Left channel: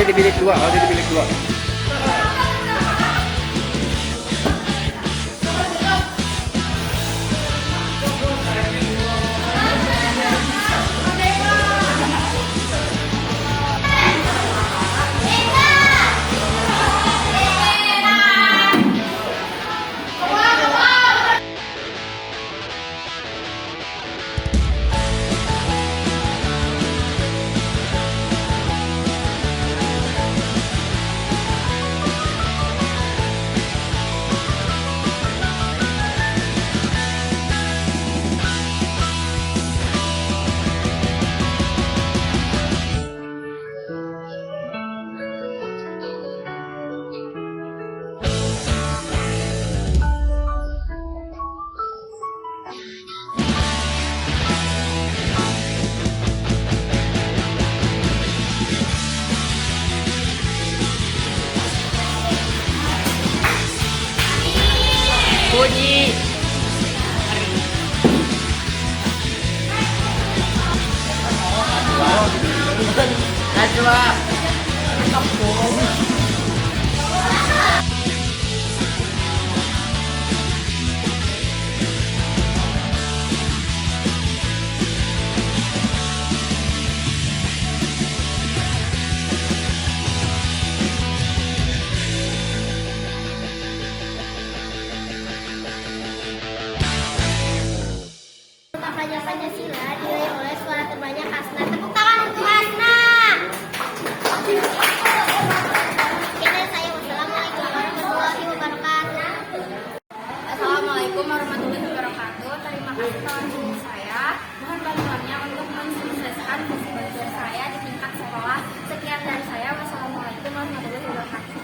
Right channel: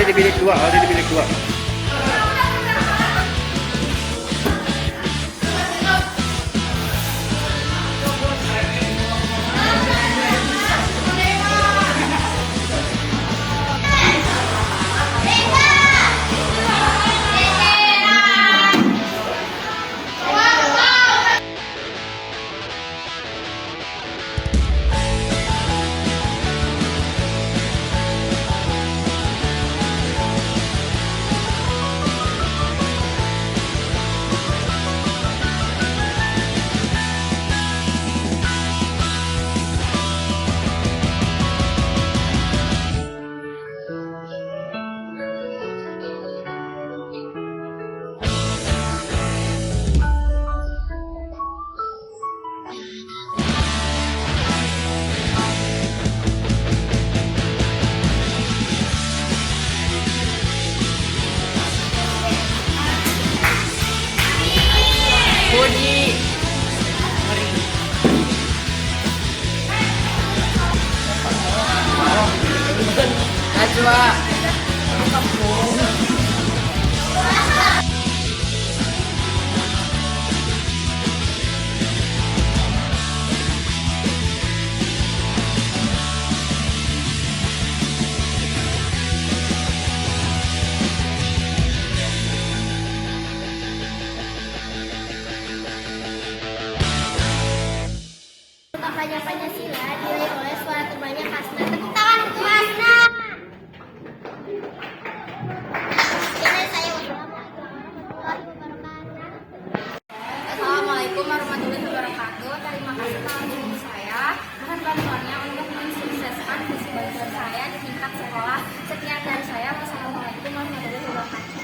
Ada di bilik 2, ada di bilik 2. Puji. Najwa. Kampung. Kampanye Pancasila diraih oleh suara terbanyak Hasna. Tepuk tangan untuk Hasna. Sekian dari saya. Wassalamualaikum warahmatullahi wabarakatuh. Assalamualaikum warahmatullahi wabarakatuh. Terima kasih teman guru saya. Mohon bantuannya untuk mensukseskan visi belajar saya di tingkat sekolah. Sekian dari saya. Wassalamualaikum warahmatullahi wabarakatuh.